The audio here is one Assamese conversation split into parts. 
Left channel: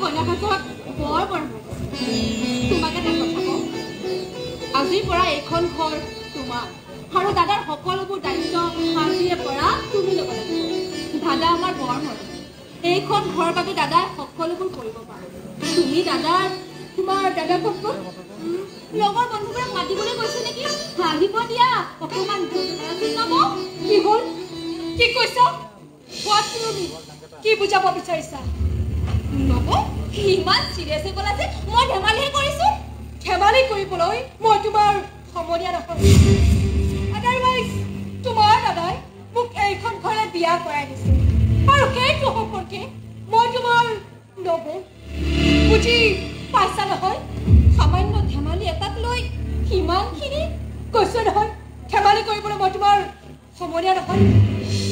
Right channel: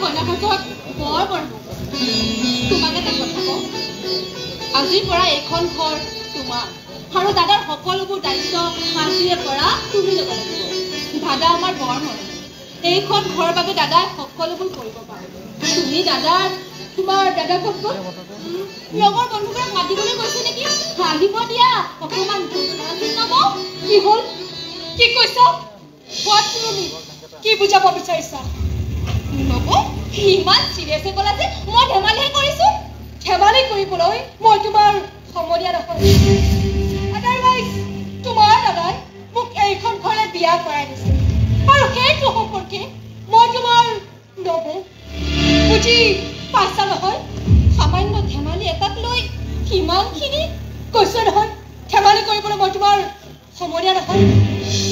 ঘনাঘটত বৰ বন্ধু তোমাকে এটা কথা কওঁ আজিৰ পৰা এইখন ঘৰ তোমাৰ আৰু দাদাৰ সকলোবোৰ দায়িত্ব আজিৰে পৰা তুমি ল'ব লাগিব দাদা আমাৰ বৰ মৰম এইখন ঘৰৰ বাবে দাদাই সকলোবোৰ কৰিব পাৰে তুমি দাদাৰ তোমাৰ দাদা ক'ত লগৰ বন্ধুবোৰক মাতিবলৈ গৈছে নেকি আহিব দিয়া অকণমান নাম কি হ'ল কি কৈছা তুমি কি বুজাব বিচাৰিছা নব ইমান চিৰিয়াছে ক'লা যে মই ধেমালিহে কৰিছো ধেমালি কৰিবলৈ মই তোমাৰ সমনীয়া নহয় আদাৰৱাইজ তোমাৰ দাদাই মোক এইখন ঘৰে বিয়া কৰাই দিছে আৰু সেইটো সম্পৰ্কে মই তোমাৰ নব বুজি পাইছা নহয় সামান্য ধেমালি এটাক লৈ কিমানখিনি কৈছে নহয় ধেমালি কৰিবলৈ মই তোমাৰ সমনীয়া নহয়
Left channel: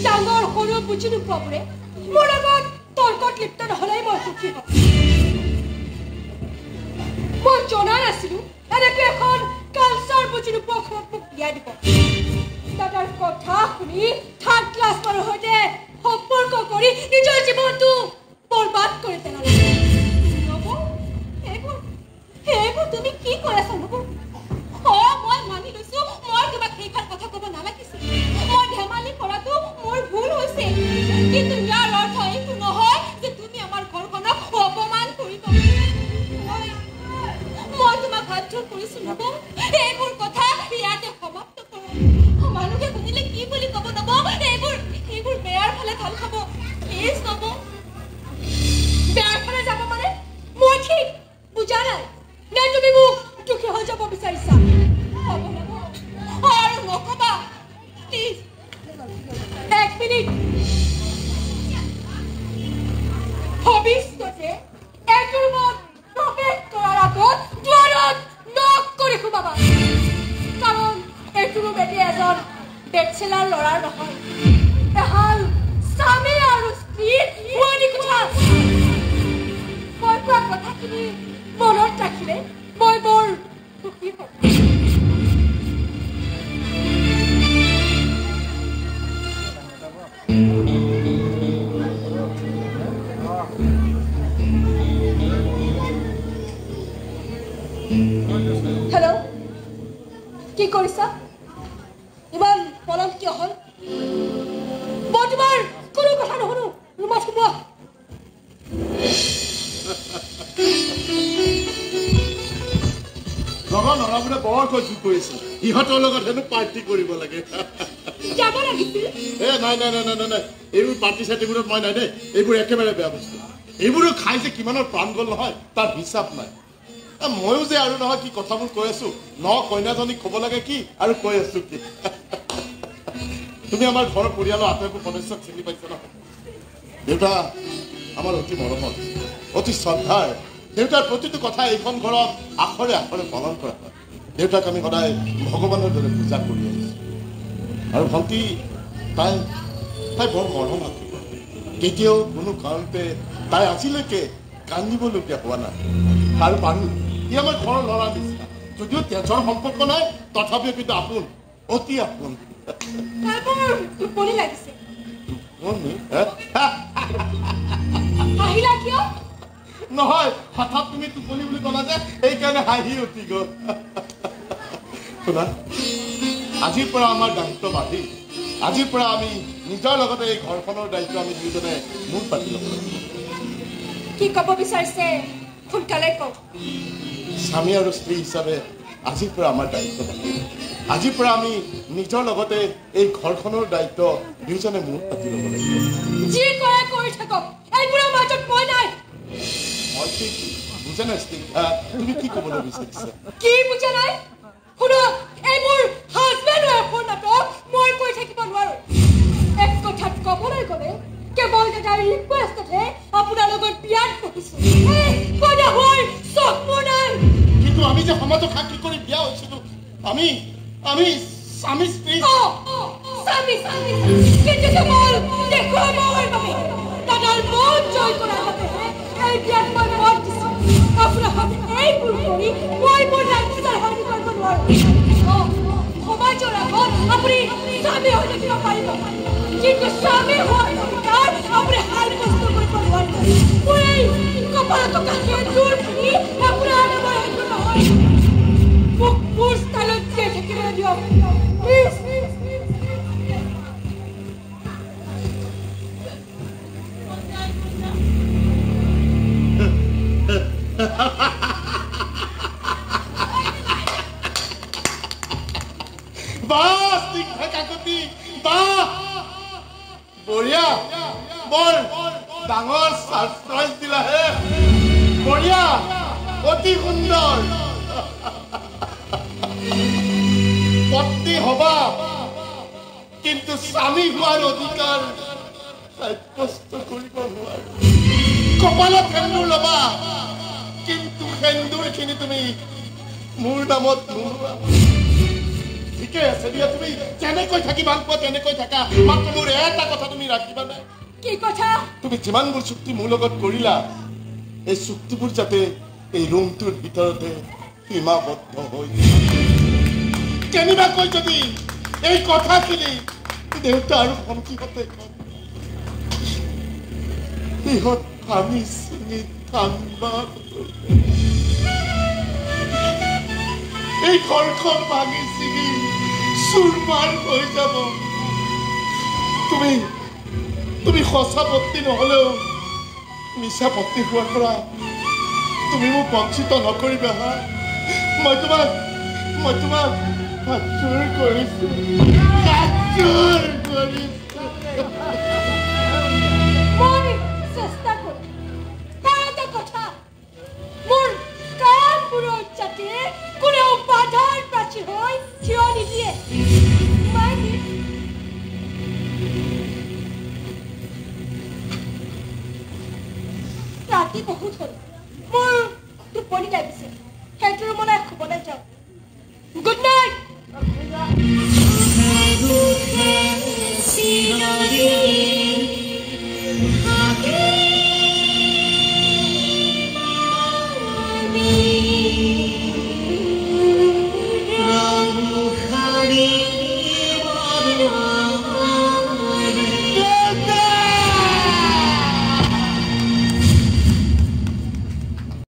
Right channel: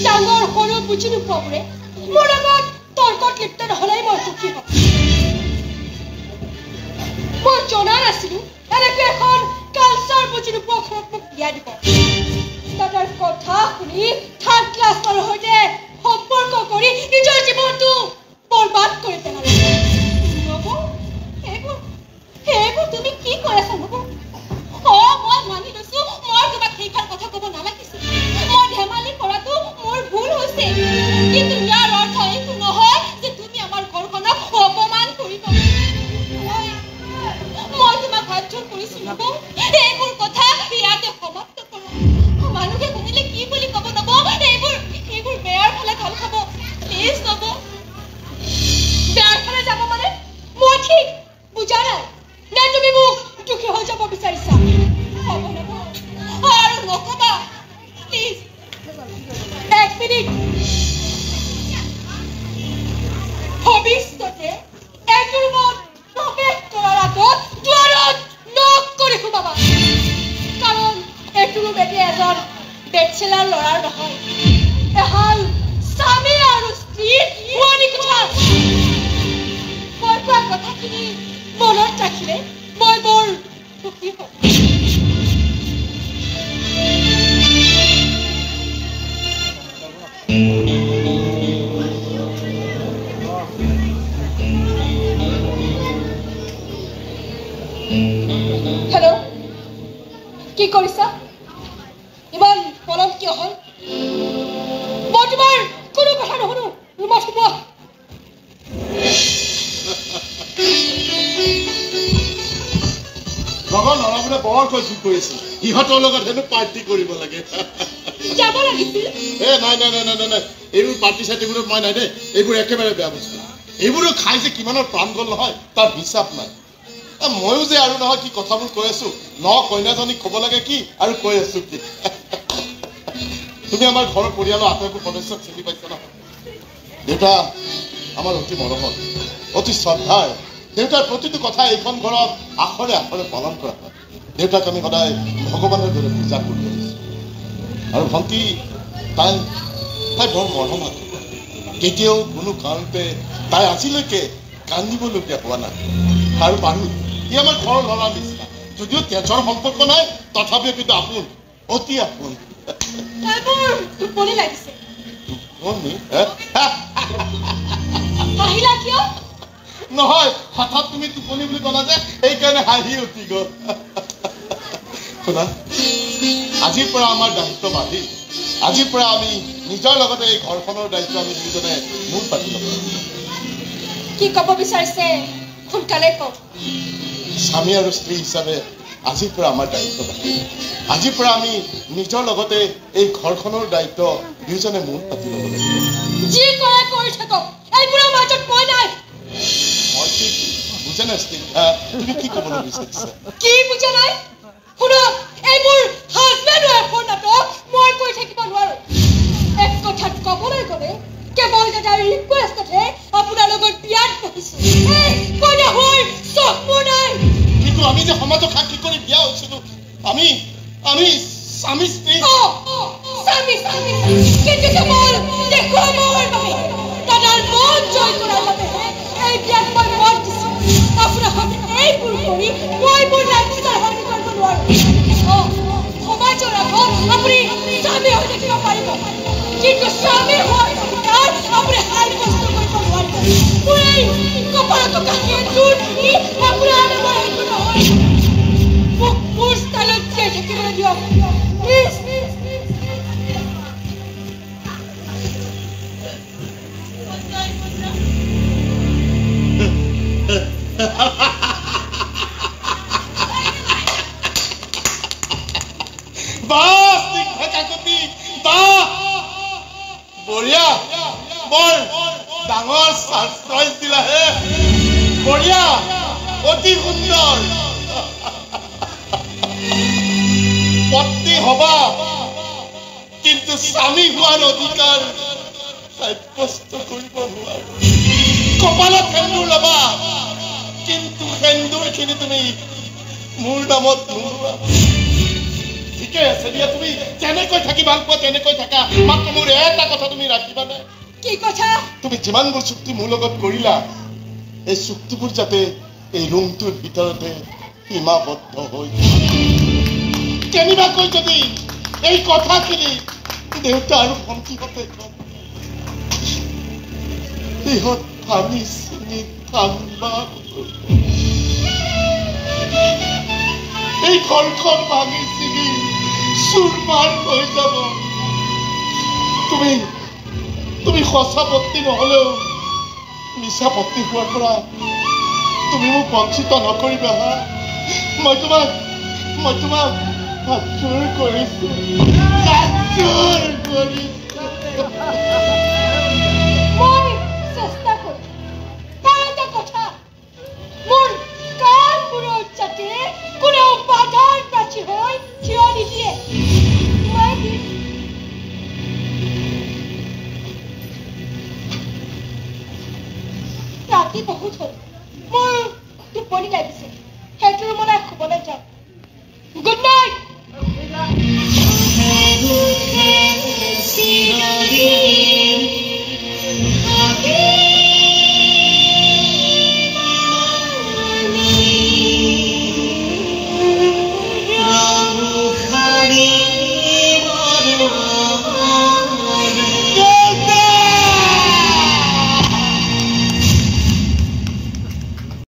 ডাঙৰ সৰু বুজি নোপোৱাবোৰে মোৰ লগত তৰ্কত লিপ্ত নহ'লেই মই সুখী হ'ম মই জনা নাছিলো এনেকৈ এখন কালচাৰ বুজি নোপোৱা ঘৰত মোক বিয়া দিব দাদাৰ কথা শুনি থাৰ্ড ক্লাছৰ সৈতে সম্পৰ্ক কৰি নিজৰ জীৱনটো বৰবাদ কৰি পেলালে সেইবোৰ তুমি কি কৰাইছা নব মই মানি লৈছো মই তোমাক সেইখন কথা ক'ব নালাগিছিল মই ধেমালি কৰাটো মোৰ ভুল হৈছে কিন্তু ইয়াৰ অৰ্থ এইটো নহয় যে তুমি আমাৰ ঘৰখনক অপমান কৰিবা মই তোমাক বাধ্য কৰিছো নব এইবোৰ কথা ইয়াতে সমাপ্ত কৰা মানুহে শুনিলে কি বুলি ক'ব নব এইবোৰ বেয়াৰ ফালে ঢল খাব প্লিজ নব বেয়াৰ ফালে যাব মানে মই ঠিক বুজা নাই নে তুমি মোক দুখী হৈ যাব বিচাৰিছা হ'ব নব আৰু নকবা প্লিজ এক মিনিট ভৱিষ্যতে এইটো ৰুমত প্ৰৱেশ কৰাৰ আগত দুৱাৰত নক কৰি সোমাবা কাৰণ এইটো ৰুম এতিয়া এজন বেচেলাৰ ল'ৰাৰ নহয় এহাল স্বামী আৰু স্ত্ৰীৰ পুৰণি কথা মই কোৱা কথাখিনি মনত ৰাখিলে মই বৰ সুখী হ'ম হেল্ল' কি কৰিছা ইমান পলম কিয় হ'ল মই তোমাৰ কোনো কথা নুশুনো ৰুমত সোমোৱা লগৰ ল'ৰাবোৰে বৰ কষ্ট কৰিছে ইহঁতৰ লগত হেনো পাৰ্টি কৰিব লাগে যাব লাগিছিল নাই এইবোৰ পাৰ্টি চাৰ্টিবোৰত মই নাই দেই এইবোৰ একেবাৰে বেয়া বস্তু এইবোৰো খাই যে কিমানৰ প্ৰাণ গ'ল নহয় তাৰ হিচাপ নাই ময়ো যে আৰু নহয় কি কথাবোৰ কৈ আছো ন কইনাজনীক ক'ব লাগে কি আৰু কৈ আছো কি তুমি আমাৰ ঘৰৰ পৰিয়ালৰ আটাইবোৰ সদস্যক চিনি পাইছা ন দেউতা আমাৰ অতি মৰমৰ অতি শ্ৰদ্ধাৰ দেউতাৰ প্ৰতিটো কথা এইখন ঘৰত আখৰে আখৰে পালন কৰা হয় দেউতাক আমি সদায় ভগৱানৰ দৰে পূজা কৰি আহিছো আৰু ভণ্টি তাই বৰ মৰম আছে কেতিয়াও কোনো কাৰণতে তাই আজিলৈকে কান্দিবলগীয়া হোৱা নাই আৰু মানুহ ই আমাৰ ঘৰৰ ল'ৰা নিচিনা যদিও তেজৰ সম্পৰ্ক নাই তথাপিও কিন্তু আপোন অতি আপোন টোপনি লাগিছে নহয় হঠাৎ তুমি টোপনি বুলি ক'লা যে সেইকাৰণে হাঁহি উঠি গ'ল শুনা আজিৰ পৰা আমাৰ দায়িত্ব বাঢ়িল আজিৰ পৰা আমি নিজৰ লগতে এই ঘৰখনৰ দায়িত্ব আমি দুজনে মূল পাতি ল'ব কি ক'ব বিচাৰিছে সোনকালে কওক স্বামী আৰু স্ত্ৰী হিচাপে আজিৰ পৰা আমাৰ দায়িত্ব বাঢ়িল আজিৰ পৰা আমি নিজৰ লগতে এই ঘৰখনৰ দায়িত্ব দুয়োজনে মূল পাতি ল'ব লাগিব যি কৰে কৰি থাকক এইবোৰৰ মাজত মই নাই বুজা নাই তুমি কি ক'বলৈ বিচাৰিছা কি বুজা নাই শুনক এইবোৰ হাজবেণ্ড ৱাইফৰ নাটক মই কৈ থাকিব নোৱাৰো এক কথাত ক'বলৈ গ'লে কেৱল দাদাৰ ৰিকুৱেষ্টতহে আপোনাৰ লগত বিয়াত বহিছো কইনা হোৱাৰ চখ মোৰ নাই কিন্তু আমি যে সমাজক সাক্ষী কৰি বিয়া হৈছিলো আমি স্বামী স্ত্ৰী কিন্তু কেৱল দেখুৱা মোৰ বাবে দাদাৰ মন জয় কৰাৰ বাবেহে এই বিয়াত মই মত দিছো আপোনাৰ এইবোৰ কৰি মই মোৰ ৰাজ্যৰ হানি কৰিব নোৱাৰো সমাজৰ আগত আপুনি স্বামী হৈ থাকিব পাৰিব কিন্তু স্বামী হোৱাৰ অধিকাৰ আপুনি হাই কষ্ট কৰিব নোৱাৰিব মোৰ এই কপালত বাহ স্নিগ্ধ কাকতি বাহ বঢ়িয়া বৰ ডাঙৰ সাৰপ্ৰাইজ দিলা হে বঢ়িয়া অতি সুন্দৰ পত্নী হবা কিন্তু স্বামী হোৱাৰ অধিকাৰ সাব্যস্ত কৰিব নোৱাৰো কপালত সেন্দুৰ ল'বা কিন্তু সেন্দুৰখিনি তুমি মোৰ নামত নোলোৱা ঠিকে আছে দিয়া তুমি যেনেকৈ থাকি ভাল পোৱা তেনেকৈ থাকা মাত্ৰ মোৰ এটা কথা তুমি ৰাখিবানে কি কথা তুমি যিমানবোৰ চুক্তি মোৰ লগত কৰিলা এই চুক্তিবোৰ যাতে এই ৰুমটোৰ ভিতৰতে সীমাবদ্ধ হৈ কেনিবাকৈ যদি এই কথাখিনি দেউতা আৰু ভণ্টিহঁতে ইহঁত ভাঙি চিঙি ঠাণ্ডা এই ঘৰখন ভাঙি চিঙি চুৰমাৰ হৈ যাব তুমি সঁচা পত্নী নহলেও মিছা পত্নী হোৱাৰ পৰা তুমি মোক বঞ্চিত নকৰিবা হা মই তোমাক হাতযোৰ কৰিছো মই চেষ্টা কৰিম এটা কথা মোৰ কাণবোৰৰ যাতে কোনেও বাধাৰ প্ৰাচী হৈ থিয় নিদিয়ে ৰাতি বহুত হ'ল মোৰ টোপনি লাগিছে সেইটো ৰুমলৈ শুবলৈ যাওঁ গুড নাইট Ram Hari